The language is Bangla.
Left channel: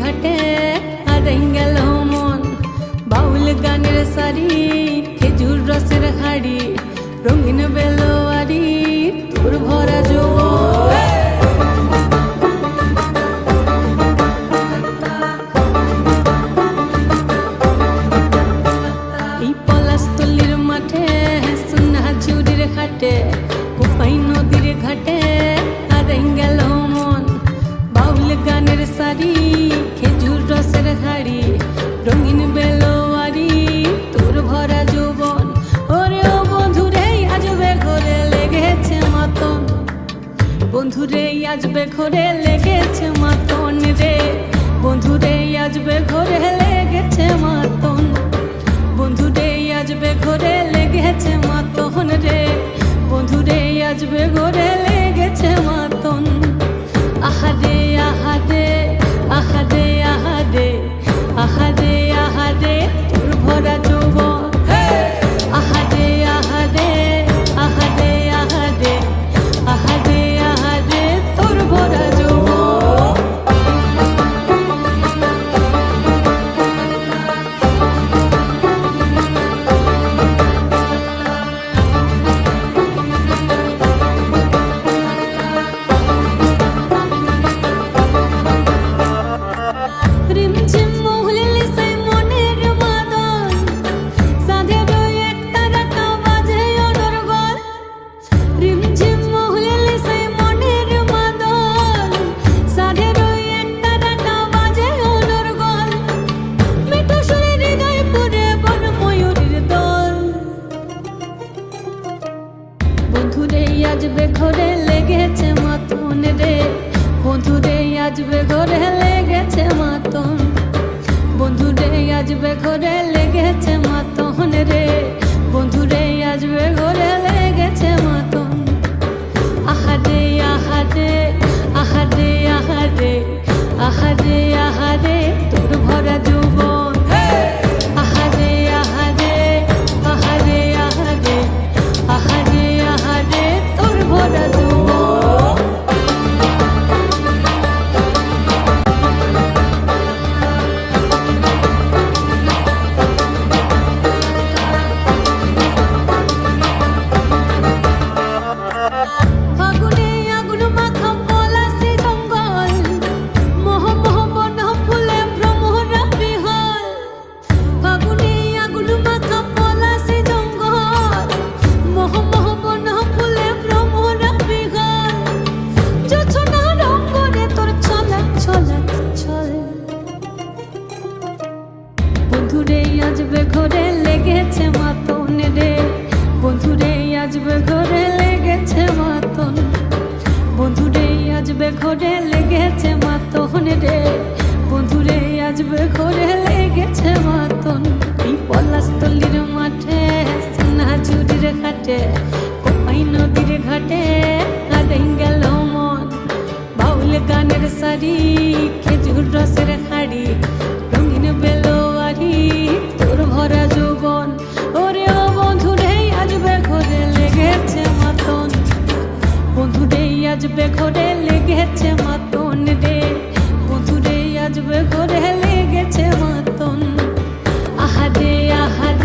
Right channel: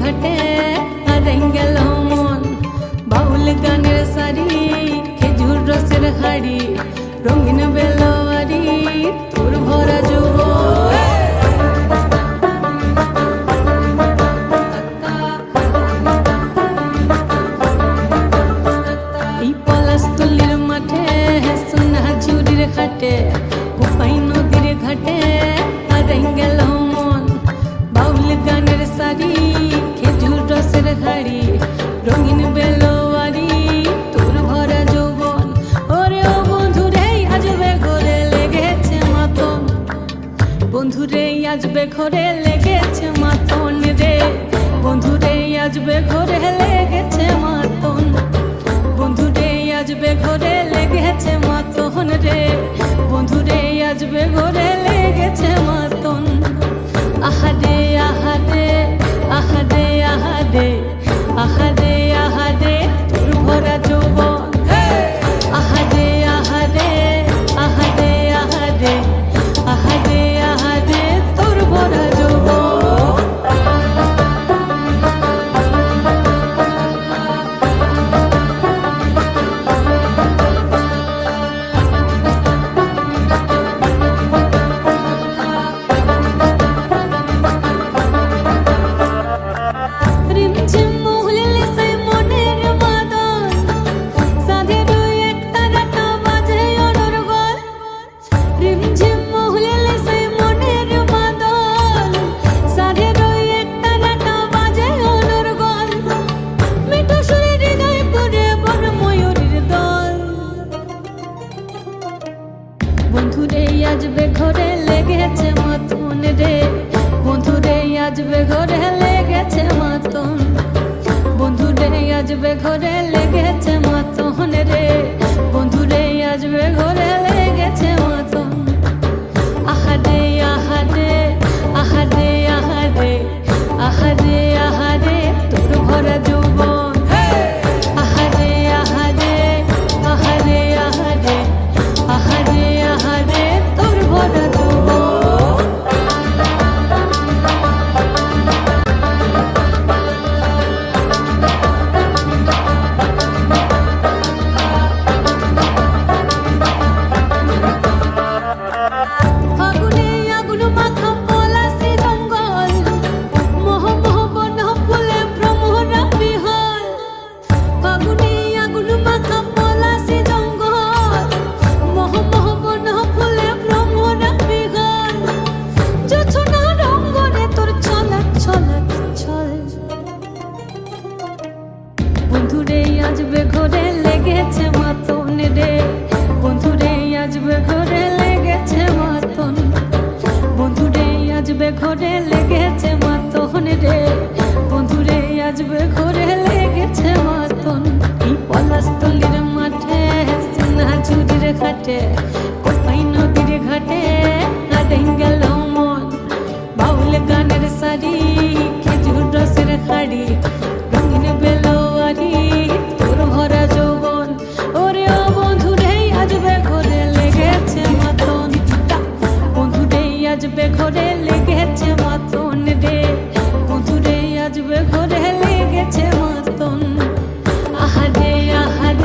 ঘাটে হারাই গেল মন। বাউল গানের সারি, খেজুর রসের হাড়ি, রঙিন বেলোয়ারি, তোর ভরা যৌবন। এই পলাশতলির মাঠে, সোনা ঝুরির খাটে, কোপাই নদীর ঘাটে হারাই গেল মন। বাউল গানের সারি, খেজুর রসের হাড়ি, রঙিন বেলোয়ারি, তোর ভরা যৌবন। ওরে ও বন্ধুরে আজবে ঘরে লেগেছে মাতন, বন্ধুরে আজবে ঘরে লেগেছে মাতন রে, বন্ধুরে আজবে ঘরে লেগেছে মাতন, বন্ধুরে আজবে ঘরে লেগেছে মাতন রে, বন্ধুরে আজবে ঘরে লেগেছে মাতন। আহারে আহারে আহারে আহারে আহারে আহারে তোর ভরা যৌবন। আহারে আহারে আহারে আহারে আহারে আহারে তোর ভরা যৌবন। রিমঝিম মহুলিলে সেই মনের মাদল, সাধের এক তারাটা বাজে অনর্গল। রিমঝিম মহুলিলে সেই মনের মাদল, সাধের এক তারাটা বাজে অনর্গল। মিঠো সুরে হৃদয় পুরে বন ময়ূরীর দল। বন্ধুরে আজবে ঘরে লেগেছে মাতন রে, বন্ধুরে আজবে ঘরে লেগেছে মাতন, বন্ধুরে আজবে ঘরে লেগেছে মাতন রে, বন্ধুরে আজবে ঘরে লেগেছে মাতন। আহারে আহারে আহারে আহারে আহারে আহারে তোর ভরা যৌবন। আহারে আহারে আহারে আহারে আহারে আহারে তোর ভরা যৌবন। ফাগুনে আগুন মাখা পলাশি জঙ্গল, মোহ মোহ বন ফুলে ভ্রমরা বিহল। ফাগুনে আগুন মাখা পলাশি জঙ্গল, মোহ মোহ বন ফুলে ভ্রমরা বিহল। জোছনা রঙ্গনে তোর ছলাক ছলাক ছল। বন্ধুরে আজবে ঘরে লেগেছে মাতন রে, বন্ধুরে আজবে ঘরে লেগেছে মাতন, বন্ধুরে আজবে ঘরে লেগেছে মাতন রে, বন্ধুরে আজবে ঘরে লেগেছে মাতন। এই পলাশতলির মাঠে, সোনা ঝুরির খাটে, কোপাই নদীর ঘাটে হারাই গেল মন। বাউল গানের সারি, খেজুর রসের হাড়ি, রঙিন বেলোয়ারি, তোর ভরা যৌবন। ওরে ও বন্ধুরে আজবে ঘরে লেগেছে মাতন, বন্ধুরে আজবে ঘরে লেগেছে মাতন রে, বন্ধুরে আজবে ঘরে লেগেছে মাতন। আহারে আহারে